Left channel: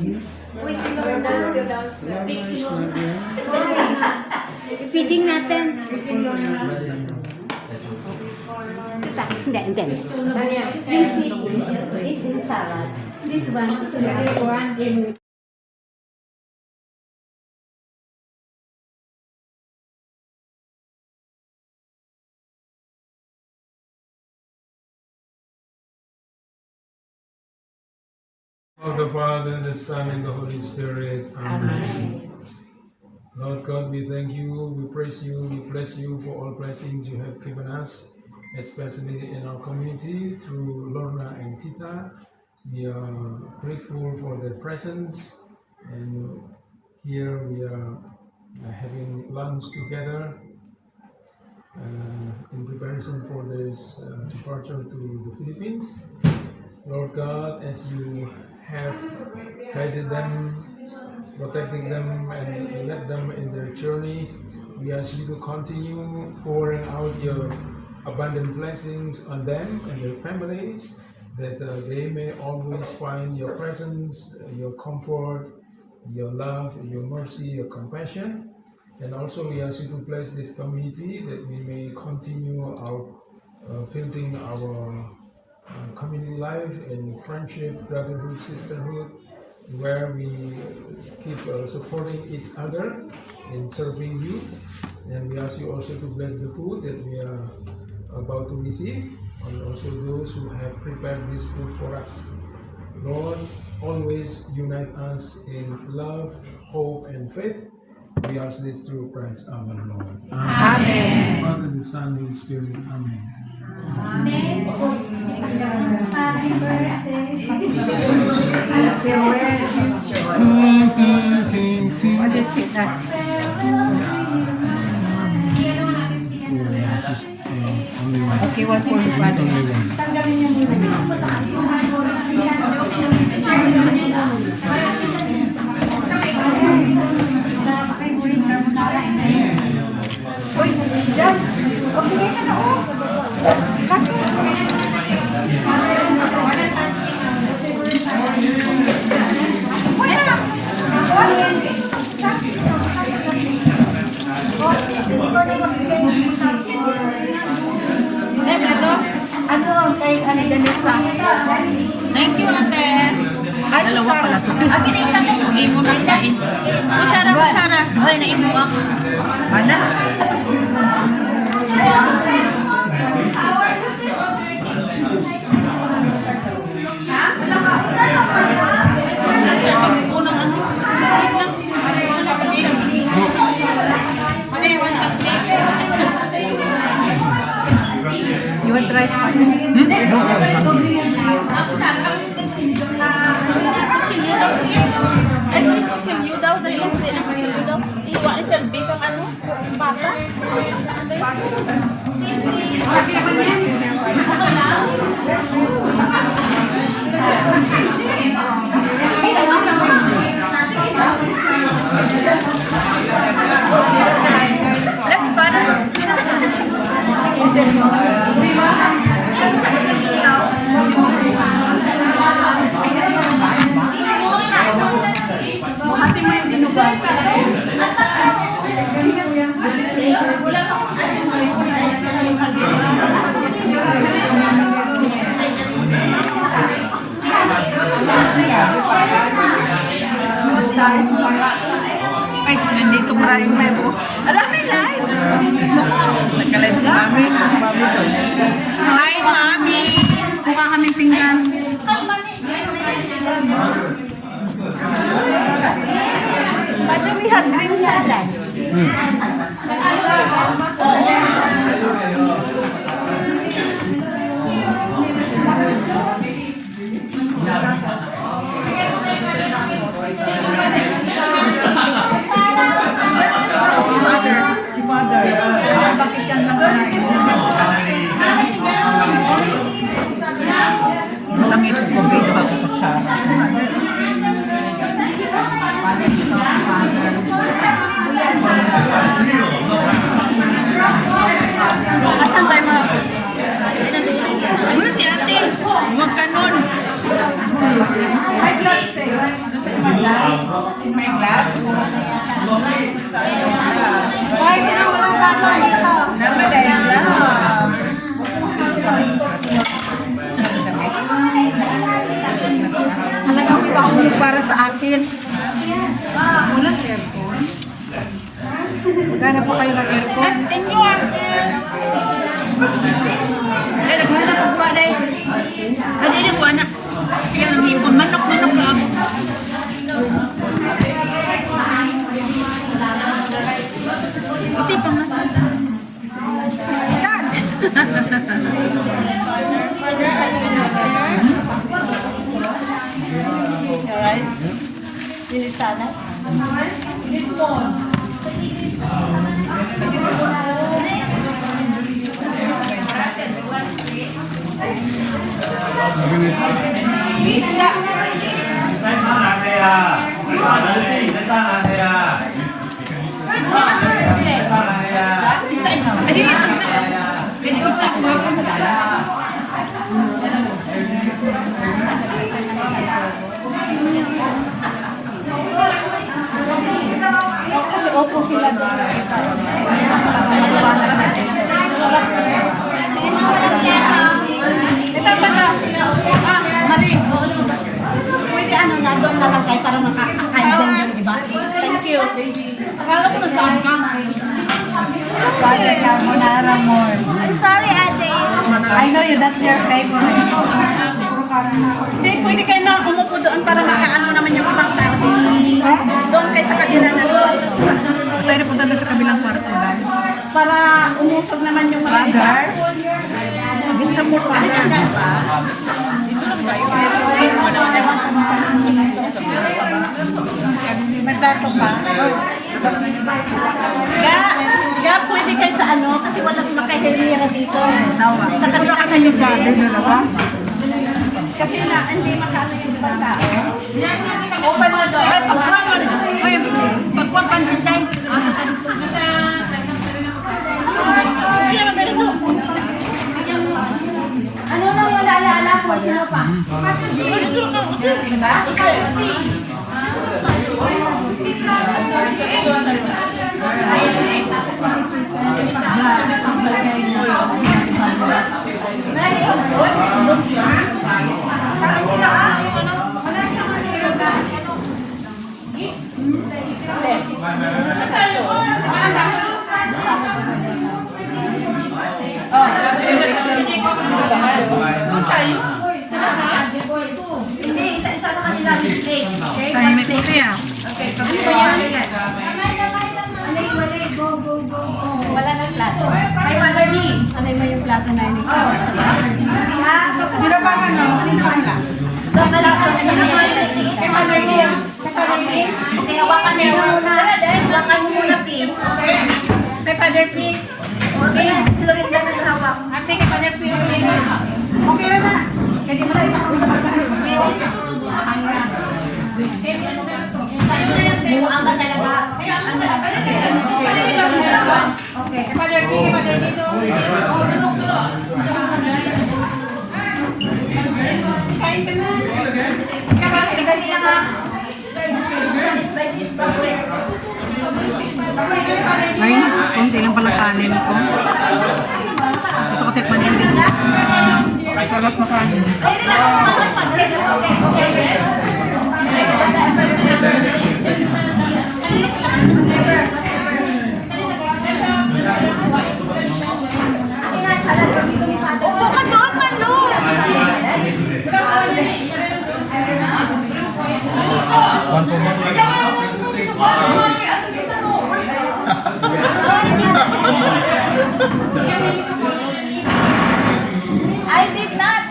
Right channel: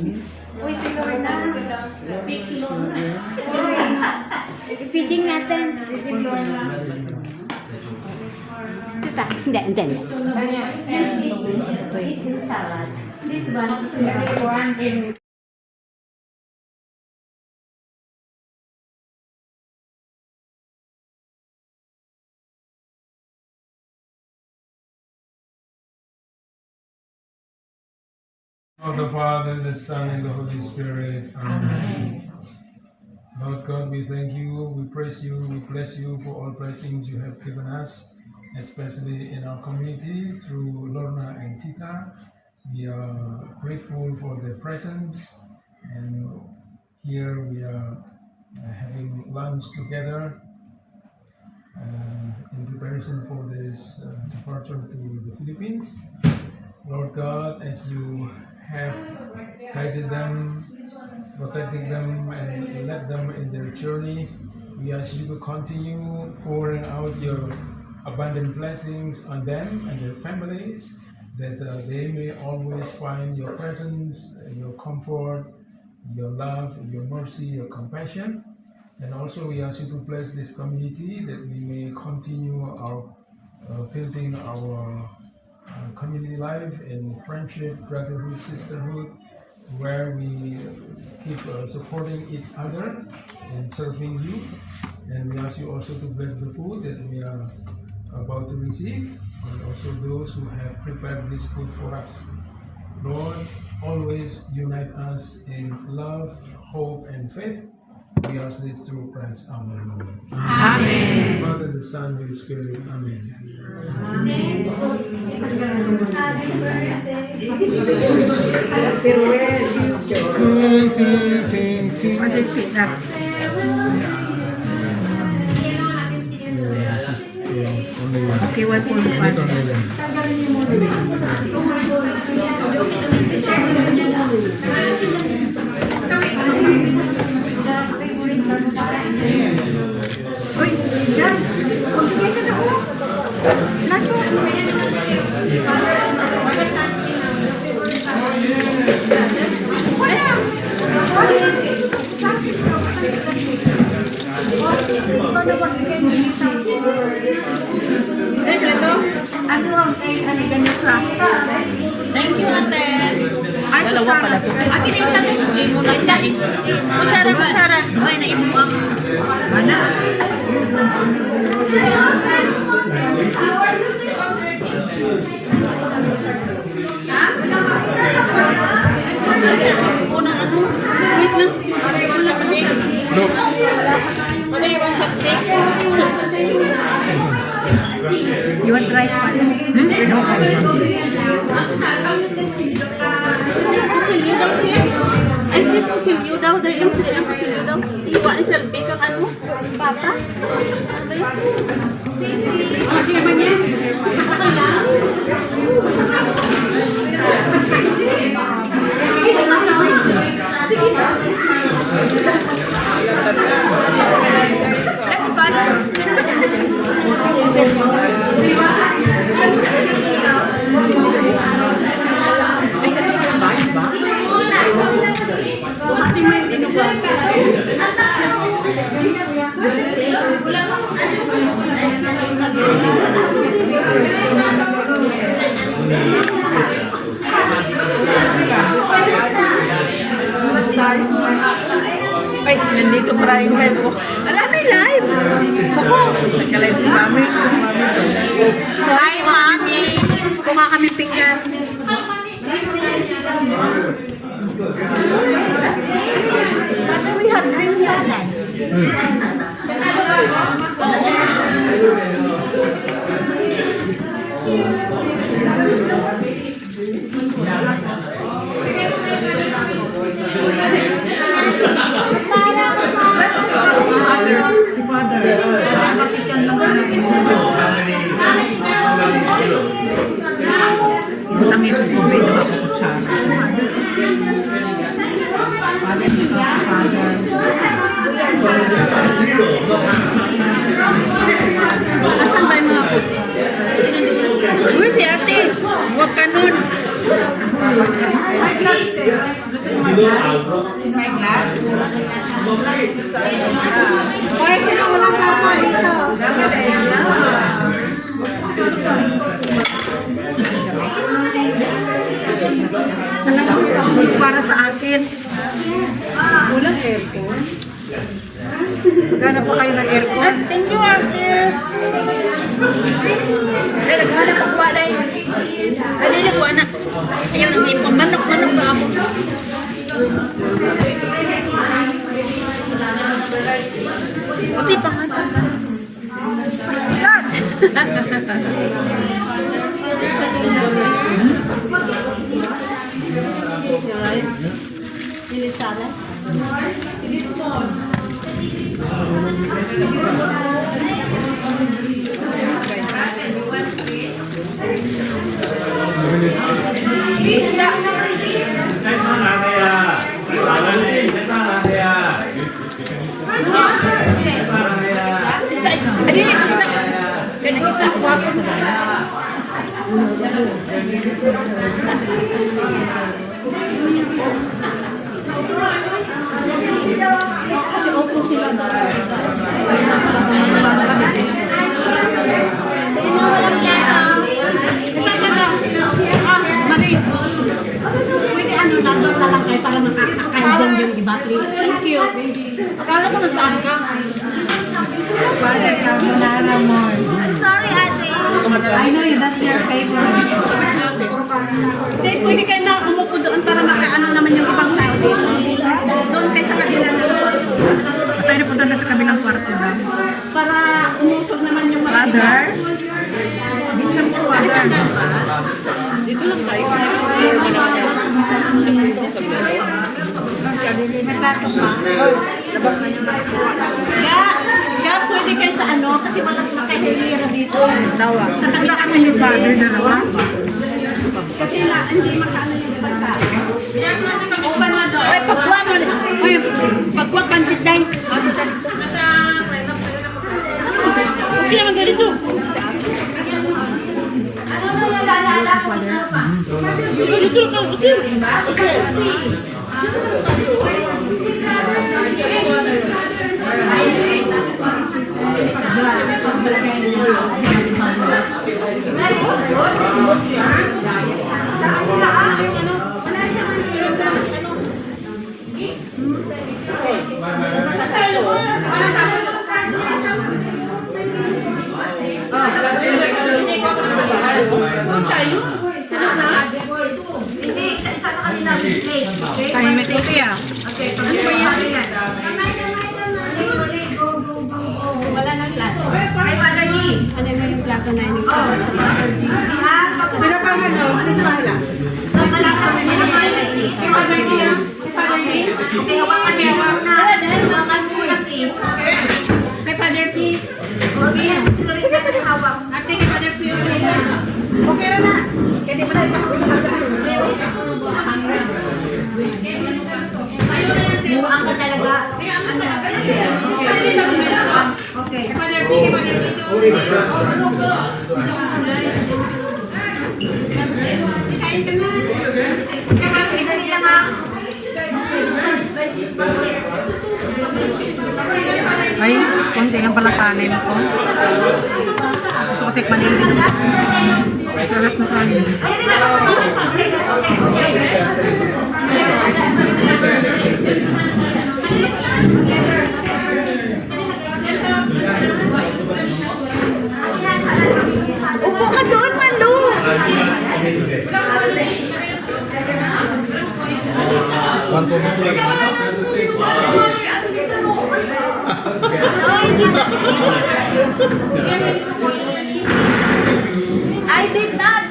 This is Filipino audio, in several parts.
Uy, silong daw. Fitting natin. Hindi. This is salad. This one is one in. Of the Father, the Son, and the Holy Spirit. Amen. Lord God, we thank you, we praise you, we bless you for all blessings you have given us, especially in our community through Lorna and Tita. We are grateful for their presence, and here we are having lunch together in preparation for this departure to the Philippines. Lord God, as you have guided them, protecting them, and led them in their journey, we ask you to continue pouring out your abundant blessings on them and their families, that they may always find your presence, your comfort, your love, your mercy, your compassion. And also we ask you to bless this community, that we may continue our building our community life in friendship, brotherhood, sisterhood, where we keep supporting each other in serving you. And we ask you also to bless the food that we are about to receive, and also those who have prepared this food for us. Lord, always unite us in love, hope, and faith. We ask this through Christ our Lord. Amen. Father, the Son, and the Spirit. Amen. Amen. Okay, 'Thank you, ate. Dalawa pala to. Akin yung isa to. Imo lang na eh. Kutsara. Hoy, naimo ako. Ano? Mix ko ng ano. No. Ano yung one chopstick? You want rice? Ay, sis, kutsilyo daw. Dali ang kutsilyo daw. Iwa ni Selby kang ano? Bata? Ano yun? Sisi. Sabi naman niya. Let's go na. Happy May dinugan. Ay, nandito maraming live po. Alam, may live. Nagka-live si Mami. Hi, Mami. Kuha kaming pinggan. But we have green salad. Langit ko may kutsara. Asan tayo mga coach? Uy, si ate. Huwag ka nun. May gloves din. Gusto niyo may gloves? May gloves? Kaya sino walang gloves dito? Dapat ay gloves. Talagang pang para sa akin. Walang aircon. Maghanap po kayo ng aircon. Thank you, artist. Ay, naghanap ko pa rin. Ay, hindi ko anak. Ayaw ng hipon. Manok na ako. Pati pa man. Alright. Yun is sana. Thank you. Akala ko nagtaan ka. Father Carbonara more. I'm sorry, ate. I know you, that's your favorite. Hindi, pwede kayo na umupo doon para makaano naman yung ibang tao dito. Doon kayo sa kabila ng kwarto. Pwede po doon sa kabilang kwarto ba? Para umusog naman yung Father? Minsan po, Father. Nagtato pa. Kaya pwede kayo sa ano, kasi wala makahilira dito. Dawa. Sa kabila Wala kayo, Father, dalawa? kasi na, hindi makaano yung ibang tao. Open mo doon. Ay, pagkuha mo. Ay, pagkuha pa din tayo. Hindi naman ganito. Ano na yung lalala ko pa? Dito lang ako kasi. Time meeting ko yan. Wala nang plato. Ay, Mother Lee. Ano yung plato na yun? Pero ba ano? Sino ba nila? Kamalang ko na yun. Kay Mother Lee. Kay Father Lee. Hawakan mo yung una. Dahil hawakan mo na, please. Kay Father P. Okay. Sorry, hindi ka hawak. Ate, kay Father P. Okay na. Pwede mo na ito. Buang ka talaga. Okay. Father P. Father P. Ay, konti lang pala kanin ko. Gusto ko tikman yun din. Sarap na kanin. Upo ka doon, Malu! I did not.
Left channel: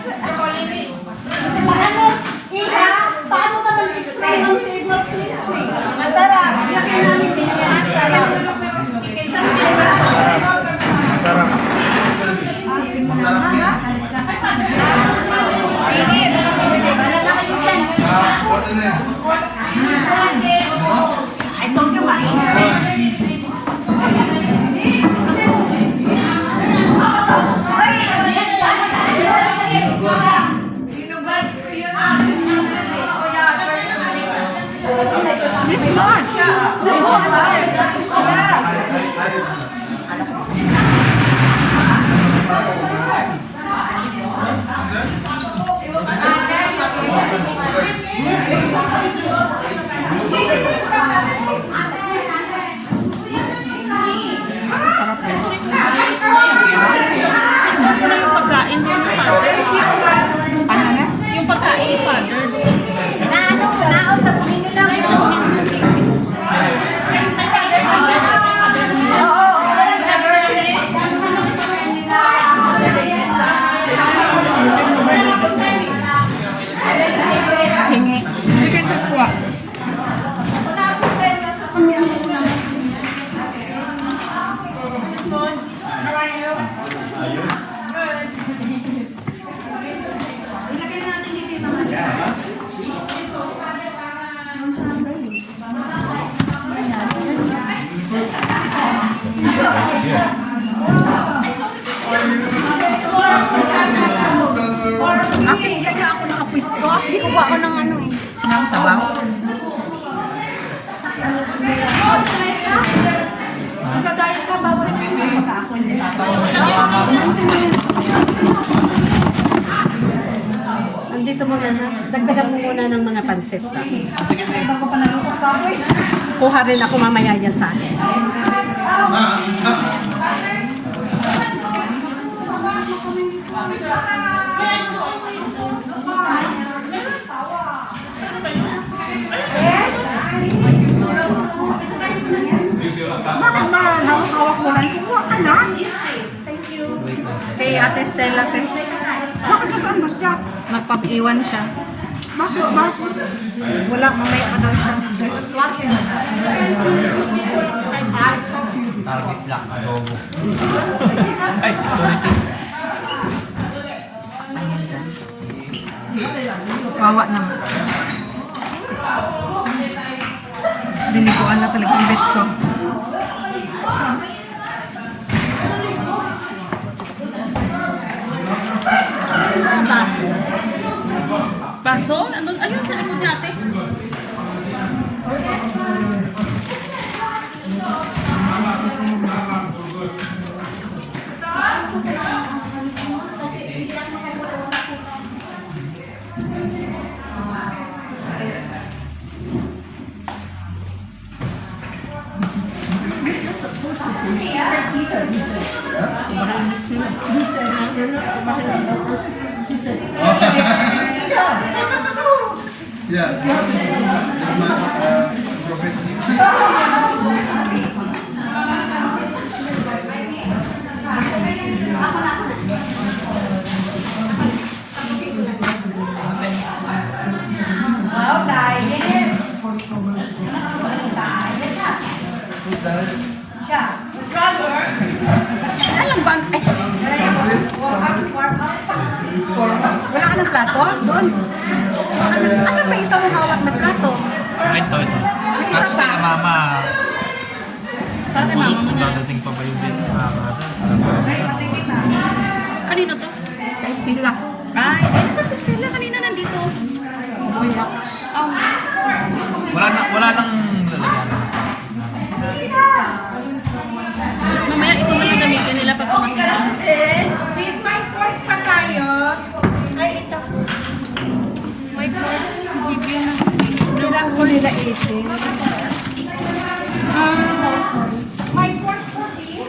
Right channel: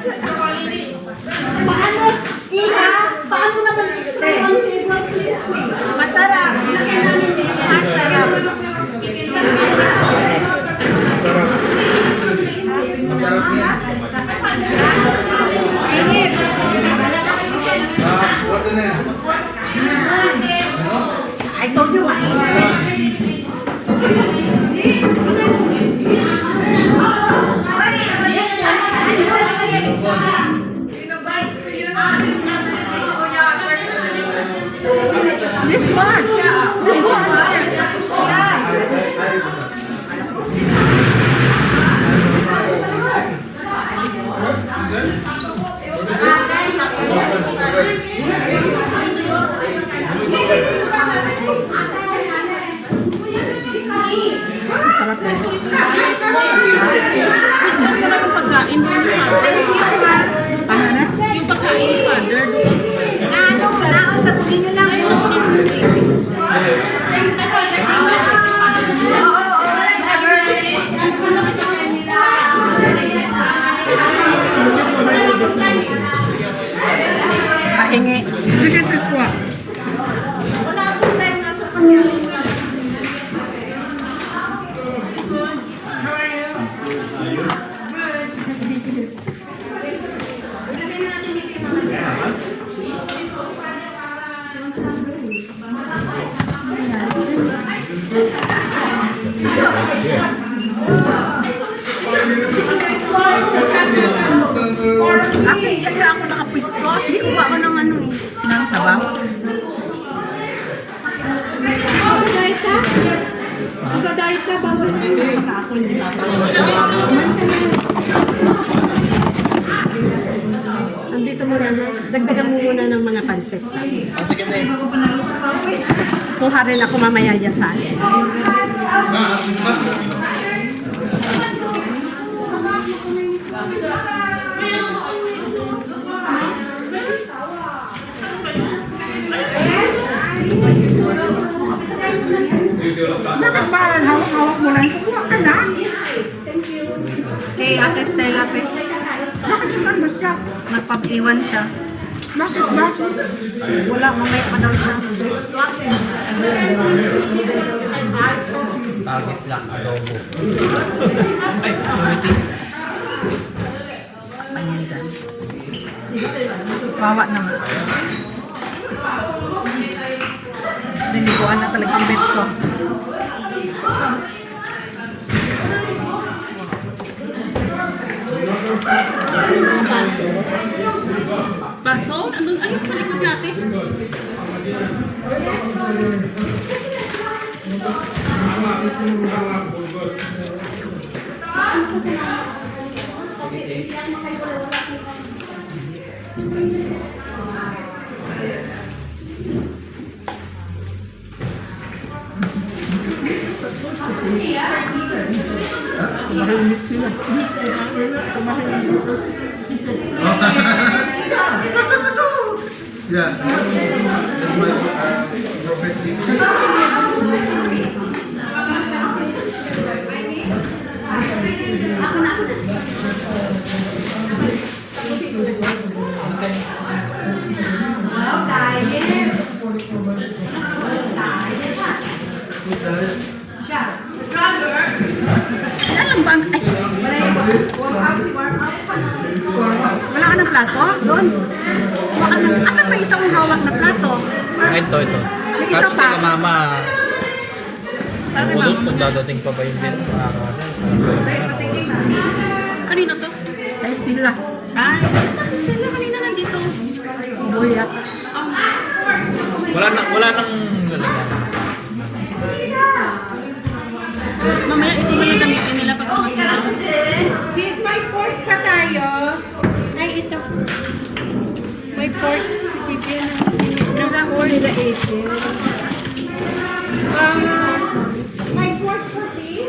Paano? Iha? Paano naman i-stay on table, please? Masarap. Laki namin din. Masarap. Masarap. Masarap yan. What's the name? I told you, Okay, dyan na ako nakapwisto. Hindi ko ba ako ng ano eh. Nang sabaw. Magdadayet ka? Magdadayet ka? Bawal ka na sa kakon, di ba? Andito mo na. Dagdagan mo muna ng mga pansit. Kuha rin ako mamaya dyan sa akin. Bakit ba hawak-hawak mo lang? Kukuha ka na. Kay Ate Stella pe. Bakit ka saan mas ka? Nagpapiwan siya. Bakit mas? Wala, mamaya ka na lang. Target lang, adobo. Wawa naman. Biniguan na talaga ang bet ko. Paso. Paso? Ano sa likod natin? Yeah. Alam ba? Wala ka ng plato? Doon. Asan ba isang hawak na plato? Ito. May isa At pa. sila mama, Para kay bulot mama kung mo. dadating pa ba yung din. Kanino to? Kay Stella. Ay, Stella kanina nandito. Buyak. Wala nang Mamaya ito yung gamitin nila pag kumakilaw. Sis, may pork pa tayo. Ay, ito. May pork. Sige, Kailangan ko nila 18. may pork pa, sis.